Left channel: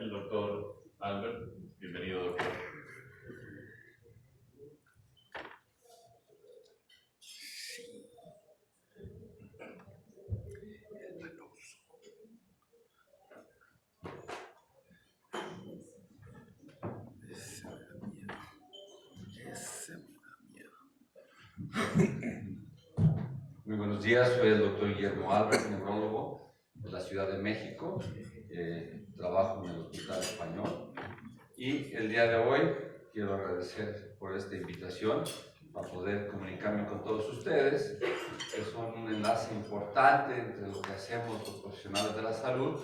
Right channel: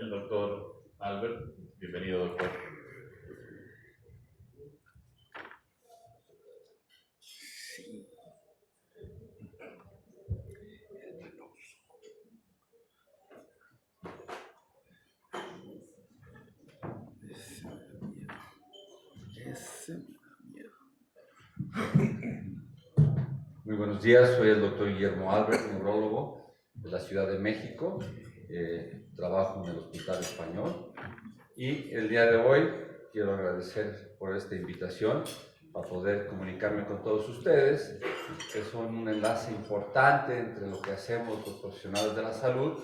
el doctor Albert. Bienvenido, doctor. Muy buenos días, soy el doctor Guillermo Albert, neurólogo de la Ciudad de México. Trabajo en el Hospital Español y el día de hoy quiero agradecer por esta invitación para poder comunicarme con todos ustedes. Es un enlace importante entre lo que hacemos los profesionales de la salud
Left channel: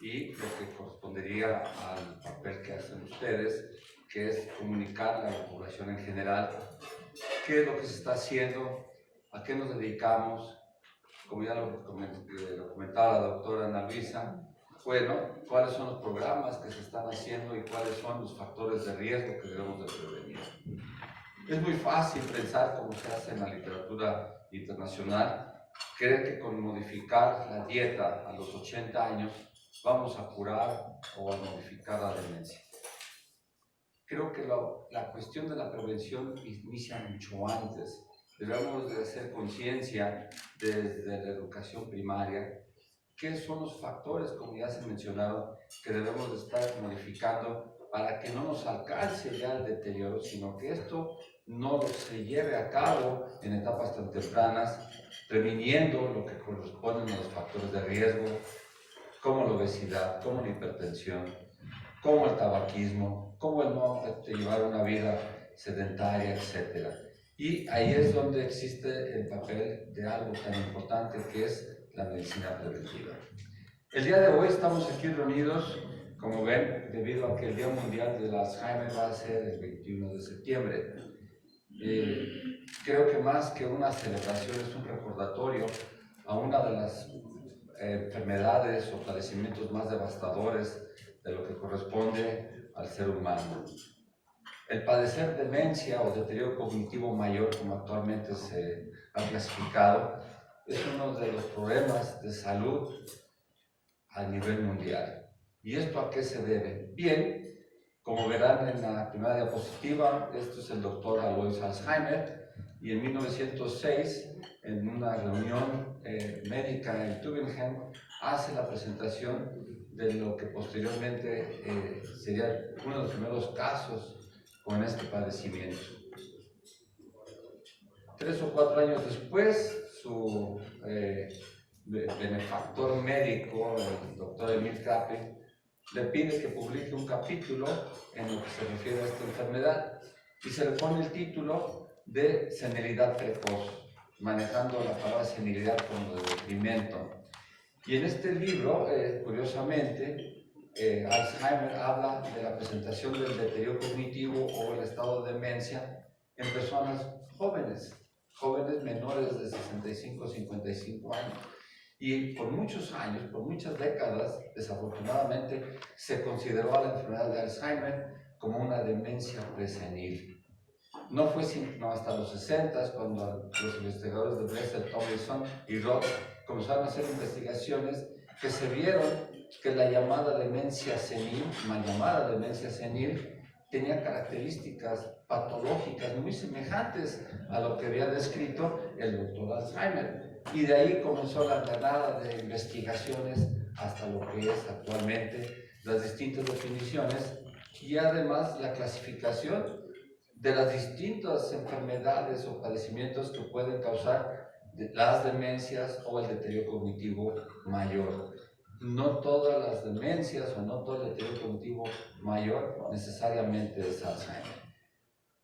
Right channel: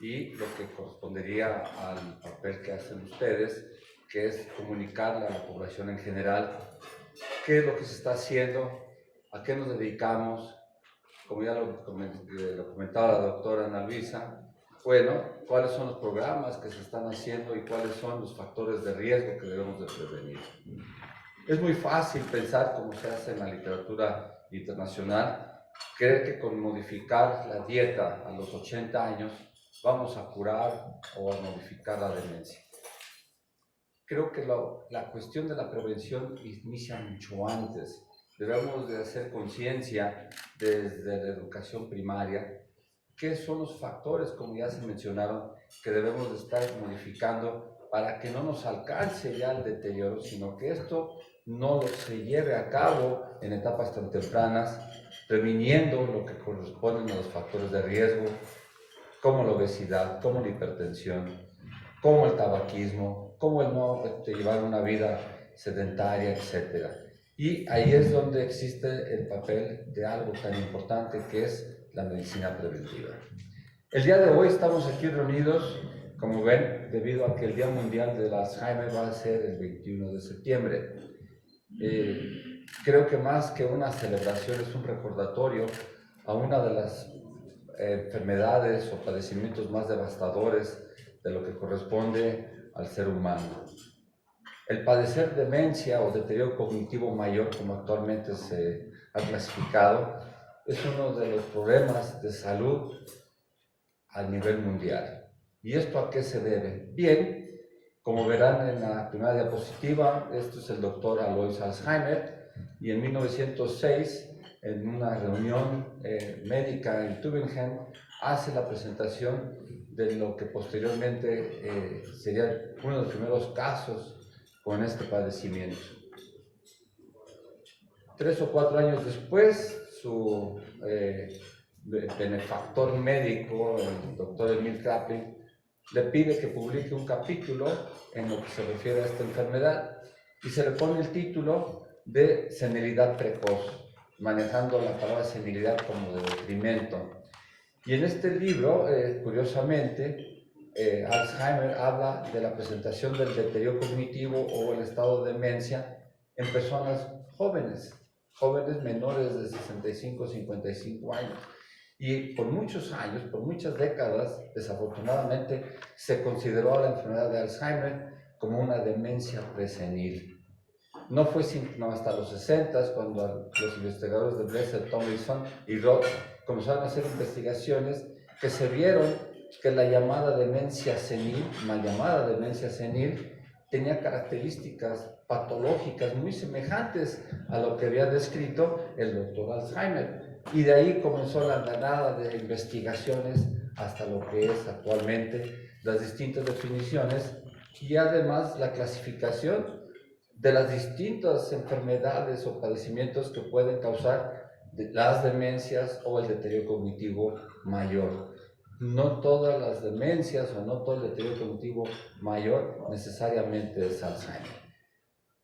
y lo que correspondería al papel que hacen ustedes, que es comunicar a la población en general qué es lo que se está haciendo, a qué nos dedicamos, como ya lo comentaba la doctora Ana Luisa. Bueno, cuáles son los programas que se están haciendo y cuáles son los factores de riesgo que debemos de prevenir. Es muy fácil pensar, como se hace en la literatura internacional, creer que con modificar la dieta a los 80 años vamos a curar o a modificar la demencia. Creo que la cuestión de la prevención inicia mucho antes. Debemos de hacer conciencia desde la educación primaria qué son los factores, como ya se mencionaron, que debemos de estar modificando para que no nos alcance ya el deterioro, sino que esto no se lleve a cabo en etapas tan tempranas, previniendo lo que corresponden a los factores de riesgo, como la obesidad, como la hipertensión, como el tabaquismo, como el no llevar una vida sedentaria, etc. Y ahí es donde existe el papel de algo tan importante que es la medicina preventiva. El día de hoy estamos aquí reunidos, como ven, debido a que el Día Mundial del Alzheimer va a ser el 21 de septiembre. Creo que más que una celebración es un recordatorio a una de las enfermedades o padecimientos más devastadores de lo que corresponde al ser humano. El padecer demencia o deterioro cognitivo mayor, como actualmente se ha clasificado, es uno de los problemas de salud a nivel mundial. ¿Y esto a qué se debe? Bien, como verán en la primera diapositiva, este es el doctor Alois Alzheimer, y en 1906, en una reunión médica en Tübingen, hace la presentación de lo que posteriormente sería uno de los primeros casos con este padecimiento. 3 o 4 años después, su benefactor médico, el doctor Emil Kraepelin, le pide que publique un capítulo en lo que se refiere a esta enfermedad y se le pone el título de senilidad precoz, manejando la palabra senilidad como de detrimento. Y en este libro, curiosamente, Alzheimer habla de la presentación del deterioro cognitivo o el estado de demencia en personas jóvenes menores de 65 o 55 años. Y por muchos años, por muchas décadas, desafortunadamente, se consideró a la enfermedad de Alzheimer como una demencia presenil. No fue sino hasta los 60 cuando los investigadores de Bresser, Tomlinson y Roth comenzaron a hacer investigaciones que se vieron que la llamada demencia senil, mal llamada demencia senil, tenía características patológicas muy semejantes a lo que había descrito el doctor Alzheimer. Y de ahí comenzó la andanada de investigaciones hasta lo que es actualmente las distintas definiciones y además la clasificación de las distintas enfermedades o padecimientos que pueden causar las demencias o el deterioro cognitivo mayor. No todas las demencias o no todo el deterioro cognitivo mayor necesariamente es Alzheimer.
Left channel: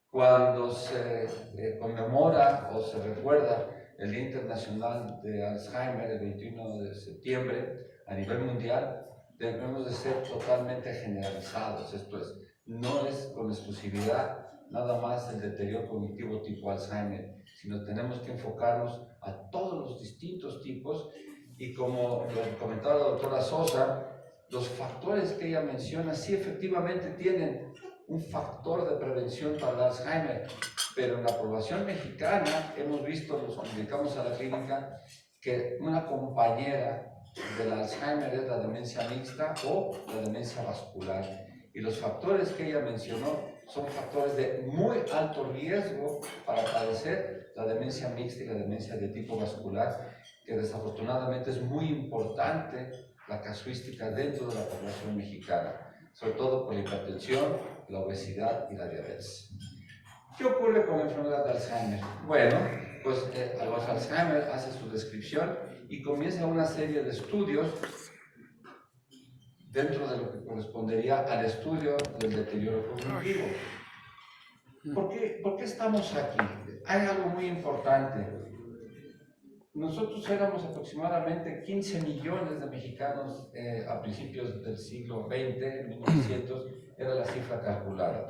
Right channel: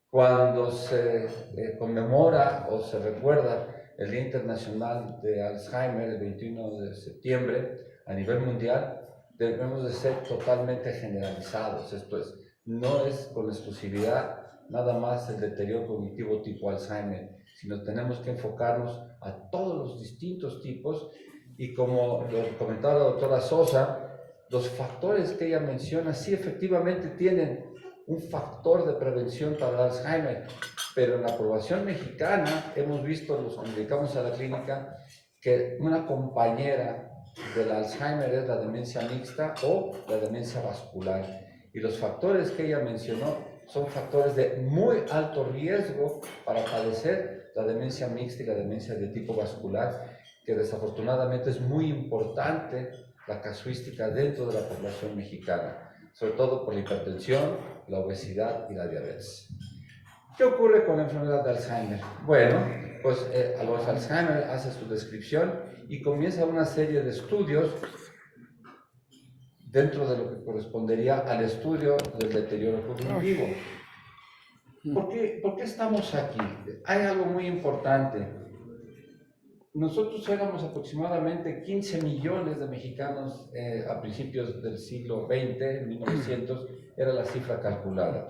Cuando se conmemora o se recuerda el Día Internacional de Alzheimer, el 21 de septiembre, a nivel mundial, debemos de ser totalmente generalizados. Esto es, no es con exclusividad nada más el deterioro cognitivo tipo Alzheimer, sino tenemos que enfocarnos a todos los distintos tipos y como lo comentaba la doctora Sosa, los factores que ella menciona sí efectivamente tienen un factor de prevención para el Alzheimer, pero en la población mexicana hemos visto, los que dedicamos a la clínica, que una compañera del Alzheimer es la demencia mixta o la demencia vascular. Y los factores que ella mencionó son factores de muy alto riesgo para padecer la demencia mixta y la demencia de tipo vascular, que desafortunadamente es muy importante la casuística dentro de la población mexicana, sobre todo por la hipertensión, la obesidad y la diabetes. ¿Qué ocurre con la enfermedad de Alzheimer? Bueno, pues a los Alzheimer hace su descripción y comienza una serie de estudios dentro de lo que correspondería al estudio del deterioro cognitivo. ¿Por qué estamos aquí? Hay algo muy importante. Nosotros éramos aproximadamente 15 millones de mexicanos a principios del siglo XX, en 1900, era la cifra calculada.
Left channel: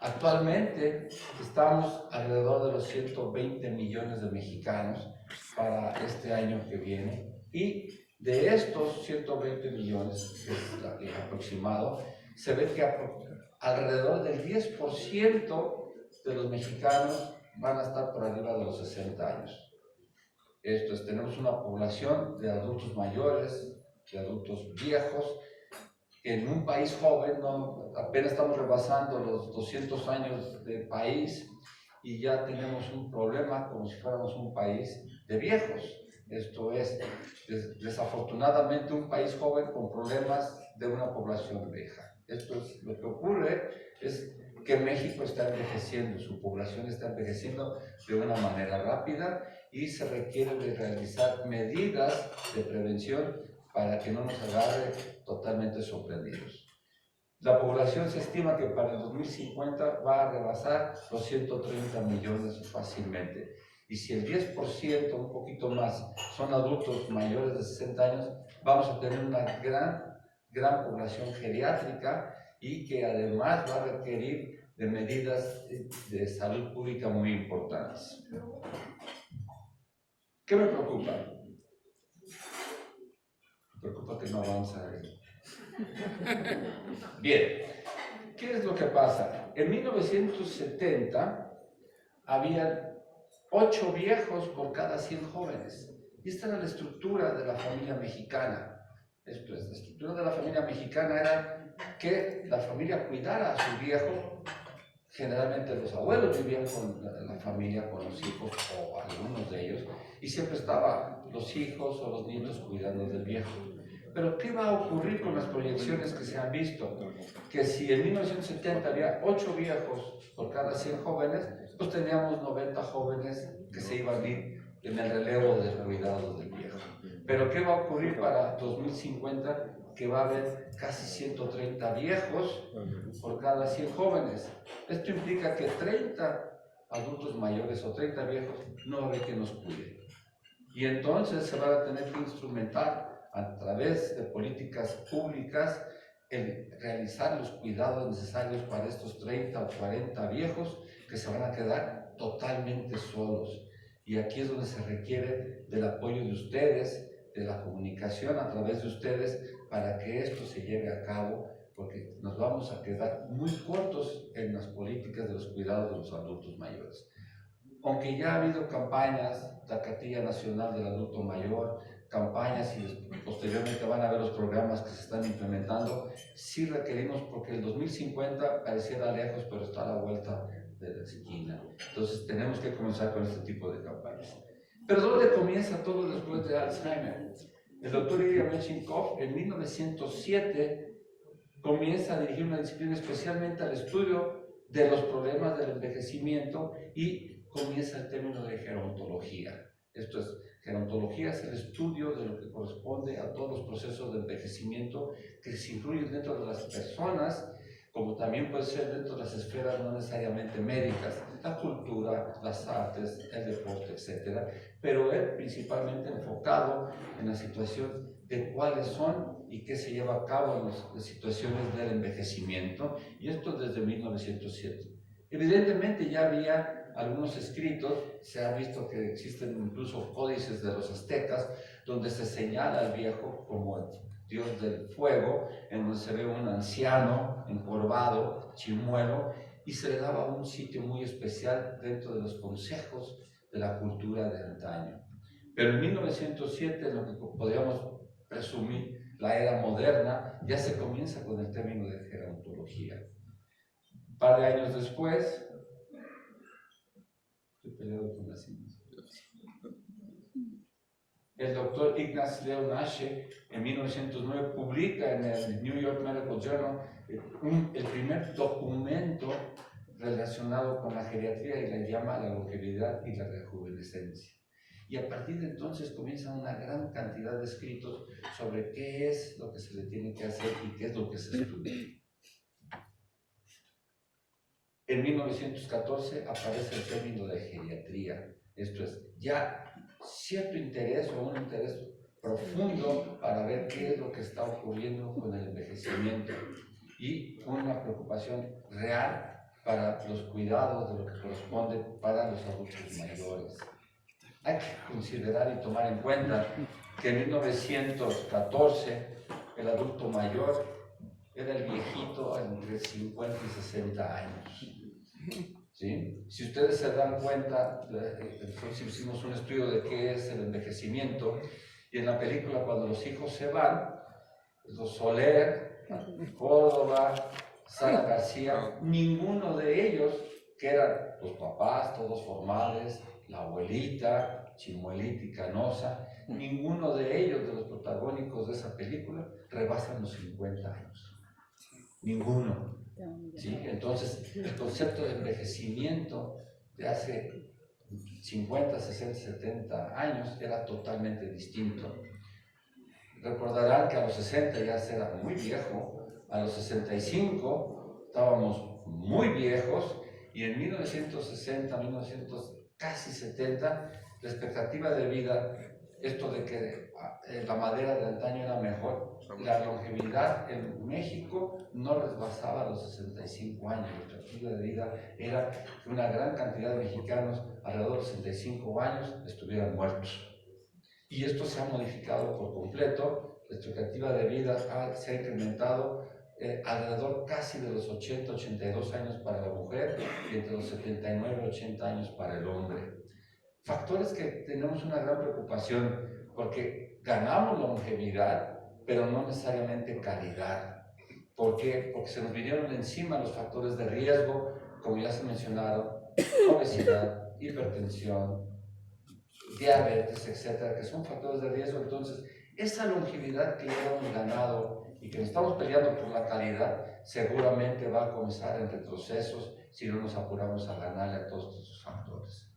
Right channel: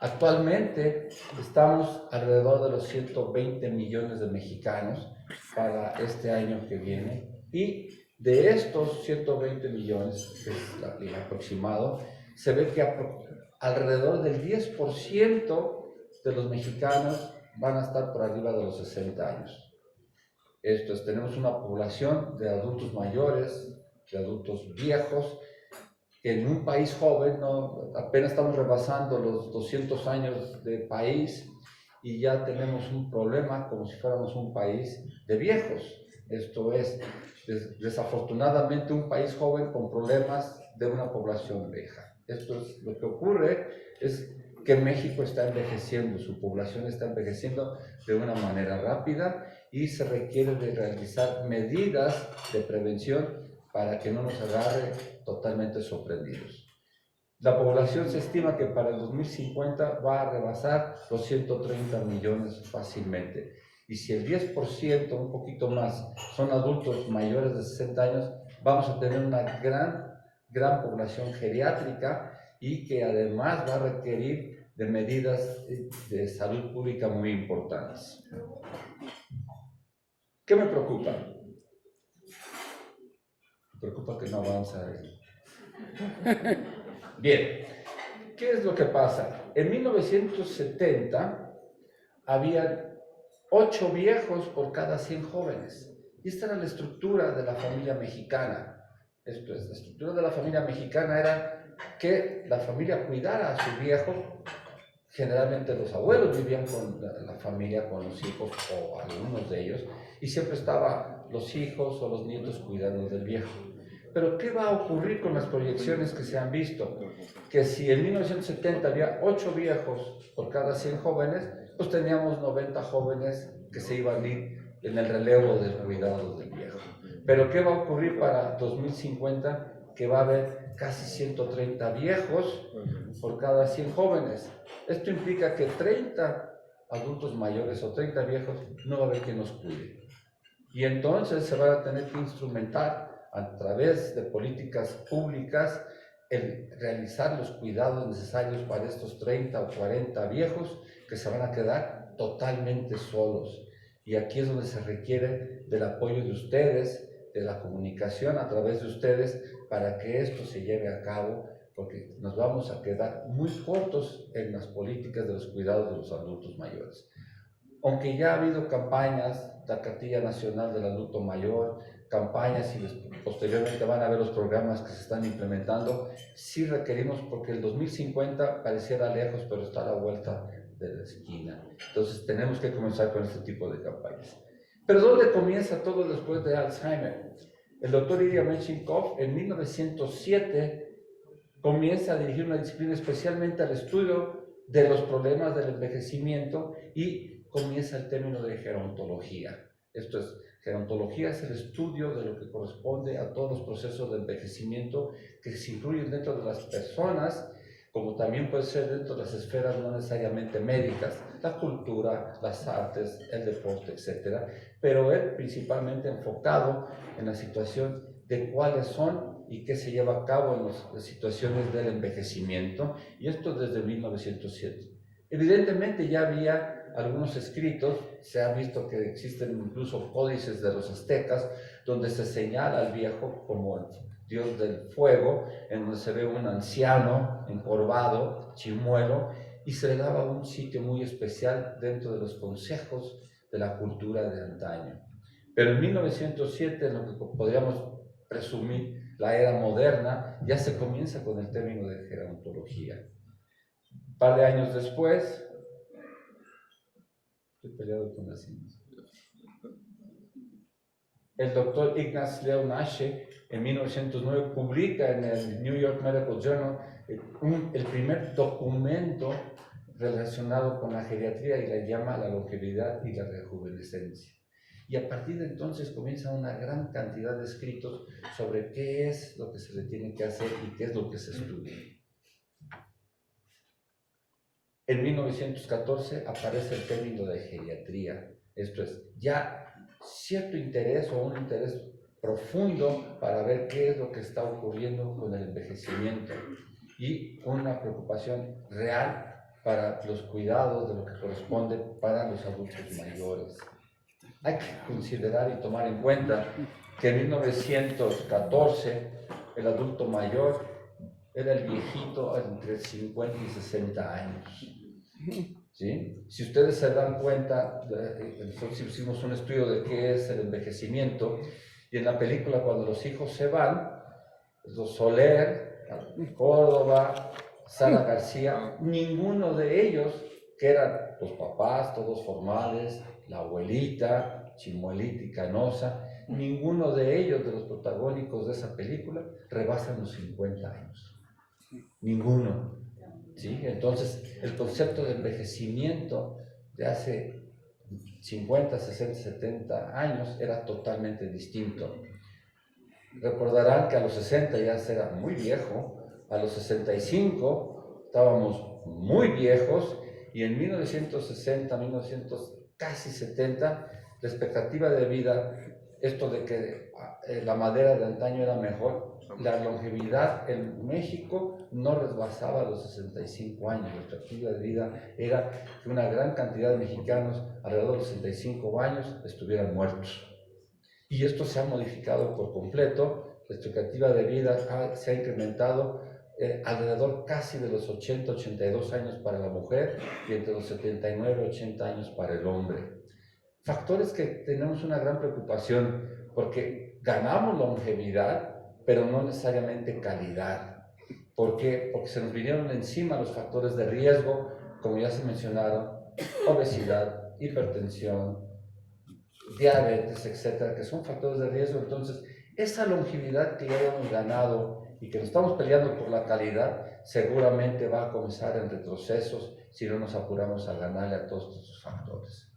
Actualmente estamos alrededor de los 120 millones de mexicanos para este año que viene, y de estos 120 millones, que es el aproximado, se ve que alrededor del 10% de los mexicanos van a estar por arriba de los 60 años. Esto es, tenemos una población de adultos mayores, de adultos viejos, que en un país joven apenas estamos rebasando los 200 años de país y ya tenemos un problema como si fuéramos un país de viejos. Esto es, desafortunadamente, un país joven con problemas de una población vieja. Esto es lo que ocurre, es que México está envejeciendo, su población está envejeciendo de una manera rápida y se requiere de realizar medidas de prevención para que no nos agarre totalmente sorprendidos. La población se estima que para el 2050 va a rebasar los 130 millones fácilmente. Y si el 10%, un poquito más, son adultos mayores de 60 años, vamos a tener una gran población geriátrica y que además va a requerir de medidas de salud pública muy importantes. ¿Qué me preocupa? Me preocupa que no avanza. Bien, ¿qué es lo que pasa? En 1970 había 8 viejos por cada 100 jóvenes. Y esta era la estructura de la familia mexicana. Esto es, la estructura de la familia mexicana era que la familia cuidara a su viejo. Generalmente los abuelos vivían con la familia, con los hijos o algunos de ellos, y siempre estaban los hijos o los nietos cuidando del viejo. Pero ¿qué va a ocurrir con las proyecciones que se han visto? Que si en 1970 había 8 viejos por cada 100 jóvenes, pues teníamos 90 jóvenes que se iban a ir en el relevo de cuidados del viejo. Pero ¿qué va a ocurrir para 2050? Que va a haber casi 130 viejos por cada 100 jóvenes. Esto implica que 30 adultos mayores o 30 viejos no va a haber quien nos cuide. Y entonces se va a tener que instrumentar a través de políticas públicas el realizar los cuidados necesarios para estos 30 o 40 viejos que se van a quedar totalmente solos. Y aquí es donde se requiere del apoyo de ustedes, de la comunicación a través de ustedes, para que esto se lleve a cabo, porque nos vamos a quedar muy cortos en las políticas de los cuidados de los adultos mayores. Aunque ya ha habido campañas, la Cartilla Nacional del Adulto Mayor, campañas y posteriormente van a ver los programas que se están implementando, sí requerimos, porque el 2050 pareciera lejos, pero está a la vuelta de la esquina. Entonces tenemos que comenzar con este tipo de campañas. Pero ¿dónde comienza todo después de Alzheimer? El doctor Ilya Metchnikoff en 1907 comienza a dirigir una disciplina especialmente al estudio de los problemas del envejecimiento y comienza el término de gerontología. Esto es, gerontología es el estudio de lo que corresponde a todos los procesos de envejecimiento que se incluyen dentro de las personas, como también puede ser dentro de las esferas no necesariamente médicas, la cultura, las artes, el deporte, etc. Pero él principalmente enfocado en la situación de cuáles son y qué se lleva a cabo en las situaciones del envejecimiento, y esto desde 1907. Evidentemente ya había algunos escritos, se ha visto que existen incluso códices de los aztecas, donde se señala al viejo como el dios del fuego, en donde se ve un anciano encorvado, chimuelo, y se le daba un sitio muy especial dentro de los consejos de la cultura de antaño. Pero en 1907, lo que podríamos presumir la era moderna, ya se comienza con el término de gerontología. Un par de años después, estoy peleado con las ciencias. El doctor Ignaz Leon Ashe en 1909 publica en el New York Medical Journal el primer documento relacionado con la geriatría y la llama la longevidad y la rejuvenescencia. Y a partir de entonces comienza una gran cantidad de escritos sobre qué es lo que se le tiene que hacer y qué es lo que se estudia. En 1914 aparece el término de geriatría, esto es, ya cierto interés o un interés profundo para ver qué es lo que está ocurriendo con el envejecimiento y una preocupación real para los cuidados de lo que corresponde para los adultos mayores. Hay que considerar y tomar en cuenta que en 1914 el adulto mayor era el viejito entre 50 y 60 años. ¿Sí? Si ustedes se dan cuenta, nosotros hicimos un estudio de qué es el envejecimiento, y en la película cuando los hijos se van, los Soler, Córdoba, Sara García, ninguno de ellos, que eran los papás, todos formales, la abuelita, Chimuelita y Canosa, ninguno de ellos, de los protagónicos de esa película, rebasan los 50 años. Ninguno. ¿Sí? Entonces, el concepto de envejecimiento de hace 50, 60, 70 años era totalmente distinto. Recordarán que a los 60 ya se era muy viejo, a los 65 estábamos muy viejos, y en 1960, casi 70, la expectativa de vida, esto de que la madera de antaño era mejor, la longevidad en México no rebasaba los 65 años. La expectativa de vida era que una gran cantidad de mexicanos, alrededor de los 65 años, estuvieran muertos. Y esto se ha modificado por completo. La expectativa de vida se ha incrementado alrededor casi de los 80, 82 años para la mujer y entre los 79 y 80 años para el hombre. Factores que tenemos una gran preocupación porque ganamos longevidad, pero no necesariamente calidad. ¿Por qué? Porque se nos vinieron encima los factores de riesgo, como ya se mencionaron, obesidad, hipertensión, diabetes, etcétera, que son factores de riesgo. Entonces, esa longevidad que ya hemos ganado y que nos estamos peleando por la calidad, seguramente va a comenzar en retrocesos si no nos apuramos a ganarle a todos estos factores.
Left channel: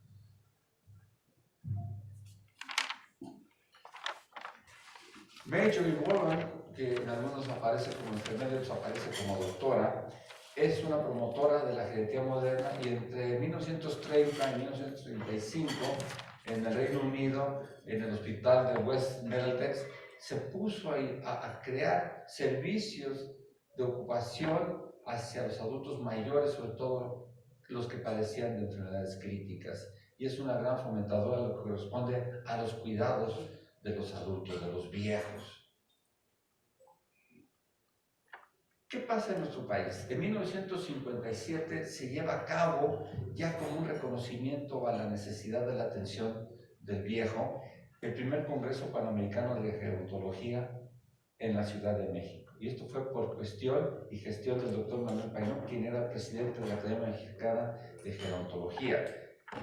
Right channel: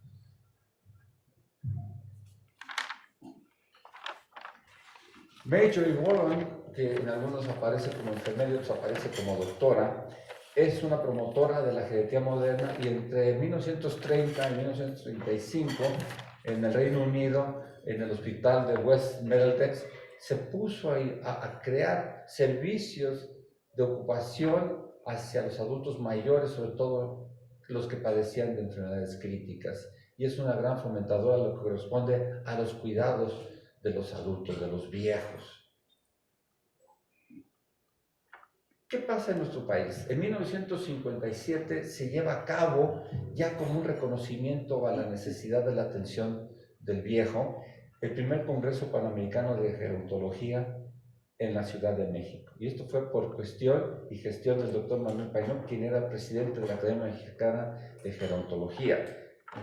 Marjorie Warren, que en algunos aparece como enfermera y otros aparece como doctora, es una promotora de la geriatría moderna, y entre 1930 y 1935 en el Reino Unido, en el hospital de West Middlesex, se puso a crear servicios de ocupación hacia los adultos mayores, sobre todo los que padecían de enfermedades críticas. Y es una gran fomentadora lo que corresponde a los cuidados de los adultos, de los viejos. ¿Qué pasa en nuestro país? En 1957 se lleva a cabo, ya con un reconocimiento a la necesidad de la atención del viejo, el primer Congreso Panamericano de Gerontología en la Ciudad de México. Y esto fue por cuestión y gestión del doctor Manuel Painó, quien era presidente de la Academia Mexicana de Gerontología.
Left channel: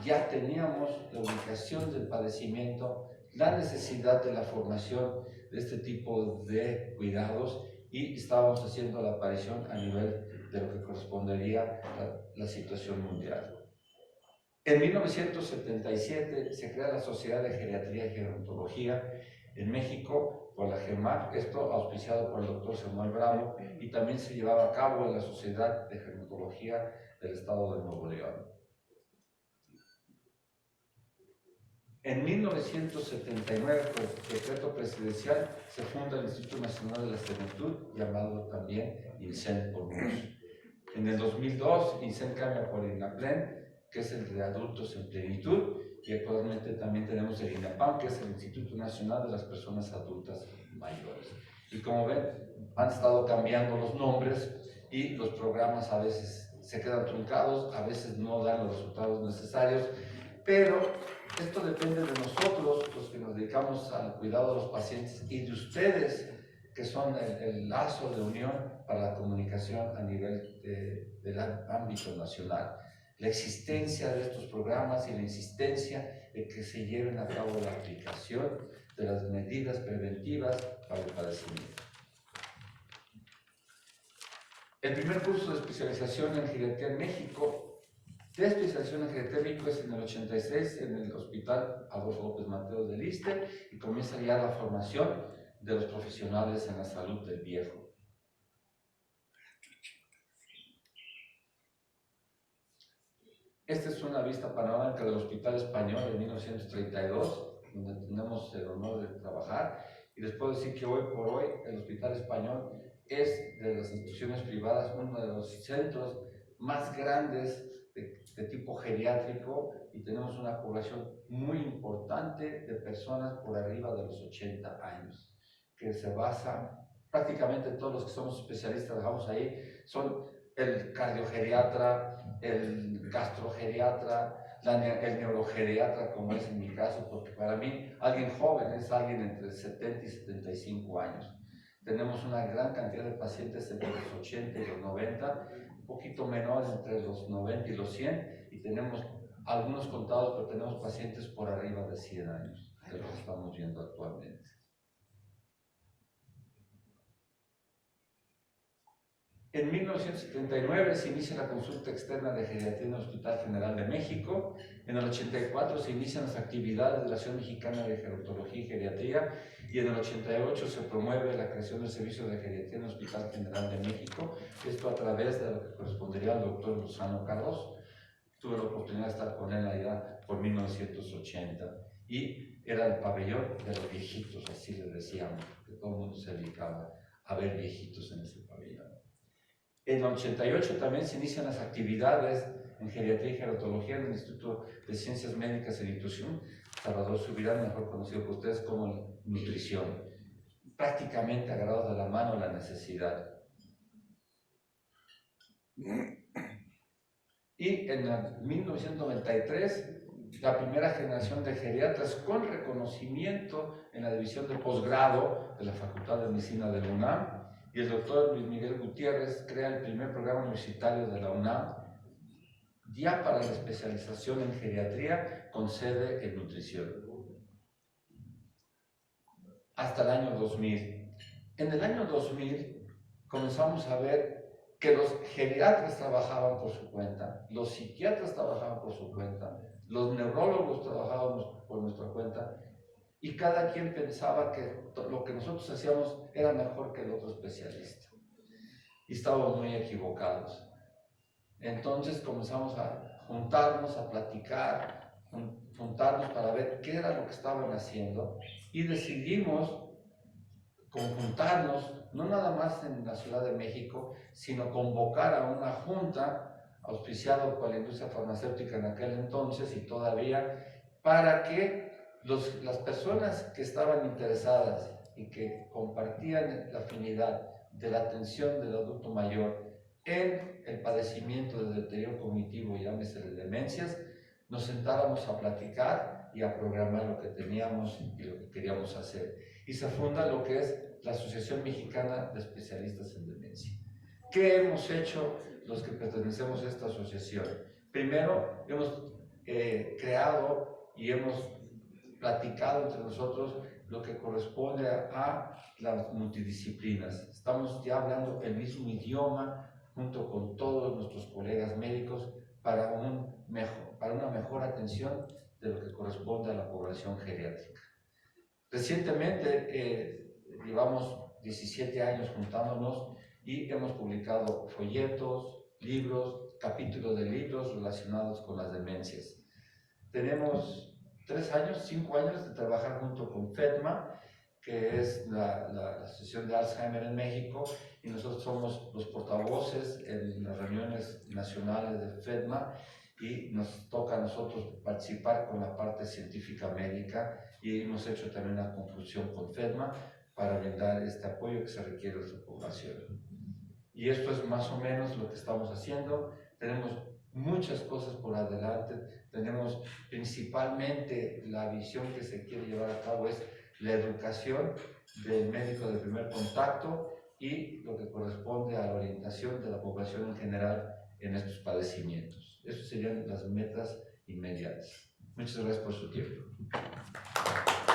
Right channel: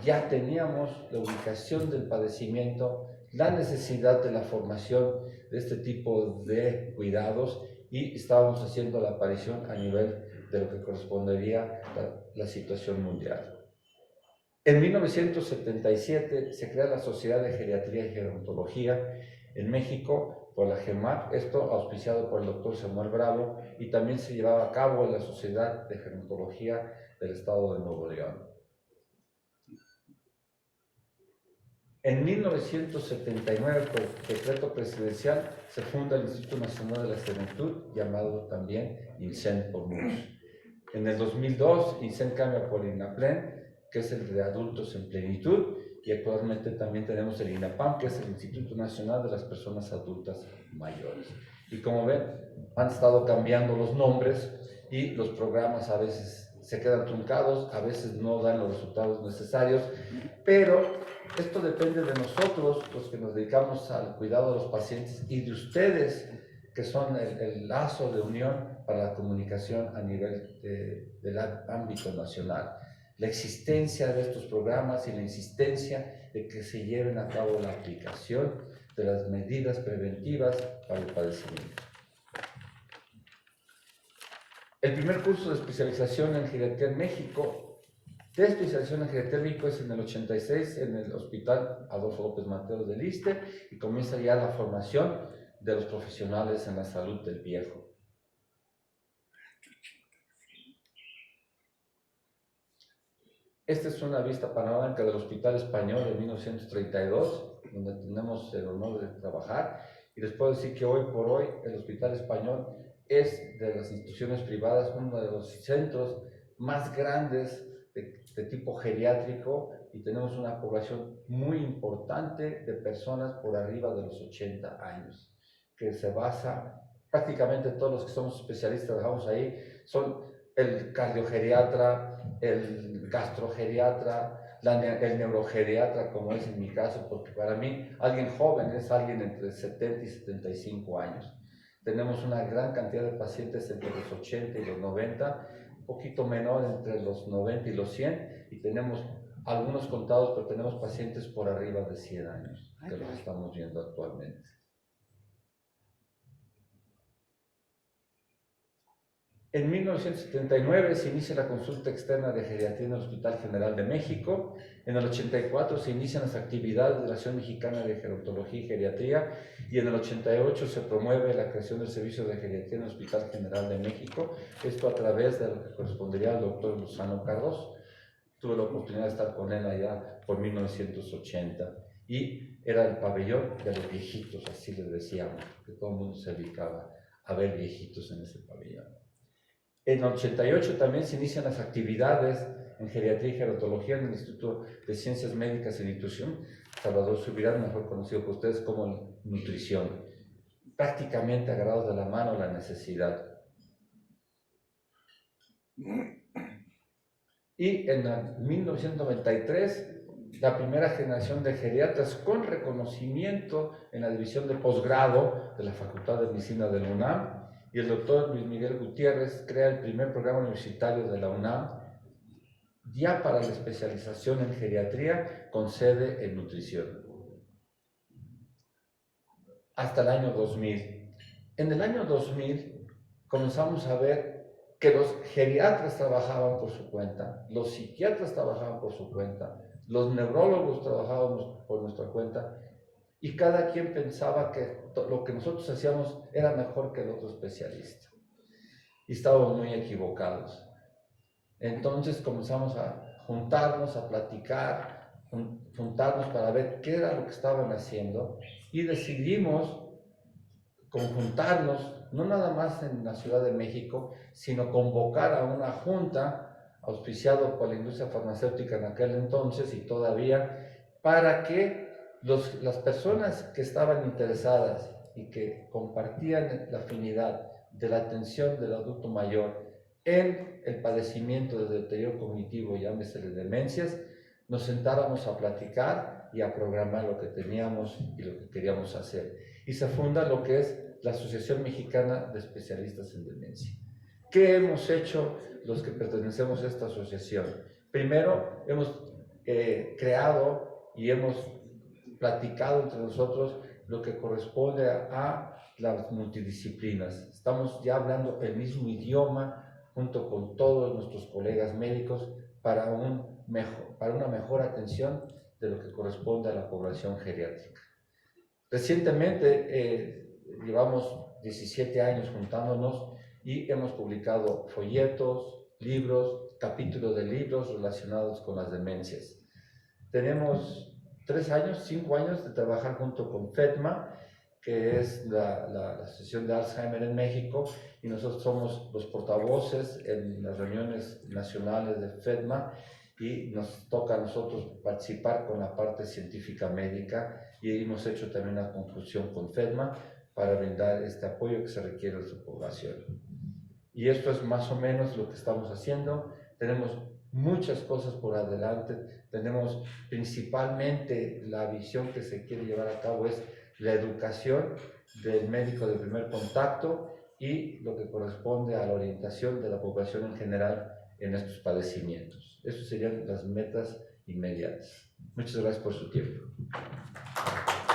Ya teníamos la ubicación del padecimiento, la necesidad de la formación de este tipo de cuidados, y estábamos haciendo la aparición a nivel de lo que correspondería a la situación mundial. En 1977 se crea la Sociedad de Geriatría y Gerontología en México por la GEMAC, esto auspiciado por el doctor Samuel Bravo, y también se llevaba a cabo en la Sociedad de Gerontología del Estado de Nuevo León. En 1979, por decreto presidencial, se funda el Instituto Nacional de la Juventud, llamado también INSEN por muchos. En el 2002, INSEN cambia por INAPLEN, que es el de adultos en plenitud, y actualmente también tenemos el INAPAM, que es el Instituto Nacional de las Personas Adultas Mayores. Y como ven, han estado cambiando los nombres y los programas a veces se quedan truncados, a veces no dan los resultados necesarios, pero esto depende de nosotros, los que nos dedicamos al cuidado de los pacientes, y de ustedes, que son el lazo de unión para la comunicación a nivel del ámbito nacional. La existencia de estos programas y la insistencia de que se lleven a cabo la aplicación de las medidas preventivas para el padecimiento. El primer curso de especialización en geriatría en México, de especialización en geriatría en México, es en el 86 en el Hospital Adolfo López Mateos del ISSSTE, y comienza ya la formación de los profesionales en la salud del viejo. Esta es una vista panorámica del Hospital Español de 1932, donde tenemos el honor de trabajar, y les puedo decir que hoy por hoy el Hospital Español es de las instituciones privadas uno de los centros más grandes de tipo geriátrico, y tenemos una población muy importante de personas por arriba de los 80 años, que se basa, prácticamente todos los que somos especialistas trabajamos ahí, son el cardiogeriatra, el gastrogeriatra, el neurogeriatra, como es en mi caso, porque para mí alguien joven es alguien entre 70 y 75 años. Tenemos una gran cantidad de pacientes entre los 80 y los 90, un poquito menor entre los 90 y los 100, y tenemos algunos contados, pero tenemos pacientes por arriba de 100 años, de lo que estamos viendo actualmente. En 1979 se inicia la consulta externa de geriatría en el Hospital General de México. En el 84 se inician las actividades de la Asociación Mexicana de Gerontología y Geriatría, y en el 88 se promueve la creación del servicio de geriatría en el Hospital General de México, esto a través de lo que correspondería al doctor Lozano Cardoso. Tuve la oportunidad de estar con él allá por 1980, y era el pabellón de los viejitos, así les decíamos, que todo el mundo se dedicaba a ver viejitos en ese pabellón. En el 88 también se inician las actividades en geriatría y gerontología en el Instituto de Ciencias Médicas y Nutrición, Salvador Subirán, mejor conocido por ustedes como nutrición, prácticamente agarrados de la mano la necesidad. Y en 1993, la primera generación de geriatras con reconocimiento en la división de posgrado de la Facultad de Medicina de la UNAM, y el doctor Luis Miguel Gutiérrez crea el primer programa universitario de la UNAM, ya para la especialización en geriatría con sede en nutrición. Hasta el año 2000. En el año 2000 comenzamos a ver que los geriatras trabajaban por su cuenta, los psiquiatras trabajaban por su cuenta, los neurólogos trabajábamos por nuestra cuenta, y cada quien pensaba que lo que nosotros hacíamos era mejor que el otro especialista. Y estábamos muy equivocados. Entonces comenzamos a juntarnos, a platicar, juntarnos para ver qué era lo que estaban haciendo, y decidimos conjuntarnos, no nada más en la Ciudad de México, sino convocar a una junta auspiciado por la industria farmacéutica en aquel entonces y todavía, para que las personas que estaban interesadas y que compartían la afinidad de la atención del adulto mayor en el padecimiento de deterioro cognitivo, llámese de demencias, nos sentáramos a platicar y a programar lo que teníamos y lo que queríamos hacer. Y se funda lo que es la Asociación Mexicana de Especialistas en Demencia. ¿Qué hemos hecho los que pertenecemos a esta asociación? Primero, hemos creado y hemos platicado entre nosotros lo que corresponde a las multidisciplinas. Estamos ya hablando el mismo idioma junto con todos nuestros colegas médicos para una mejor atención de lo que corresponde a la población geriátrica. Recientemente llevamos 17 años juntándonos y hemos publicado folletos, libros, capítulos de libros relacionados con las demencias. Tenemos 5 años de trabajar junto con FEDMA, que es la Asociación de Alzheimer en México, y nosotros somos los portavoces en las reuniones nacionales de FEDMA, y nos toca a nosotros participar con la parte científica médica, y hemos hecho también una conclusión con FEDMA para brindar este apoyo que se requiere a su población. Y esto es más o menos lo que estamos haciendo. Tenemos muchas cosas por adelante. Tenemos principalmente la visión que se quiere llevar a cabo es la educación del médico de primer contacto y lo que corresponde a la orientación de la población en general en estos padecimientos. Esas serían las metas inmediatas. Muchas gracias por su tiempo.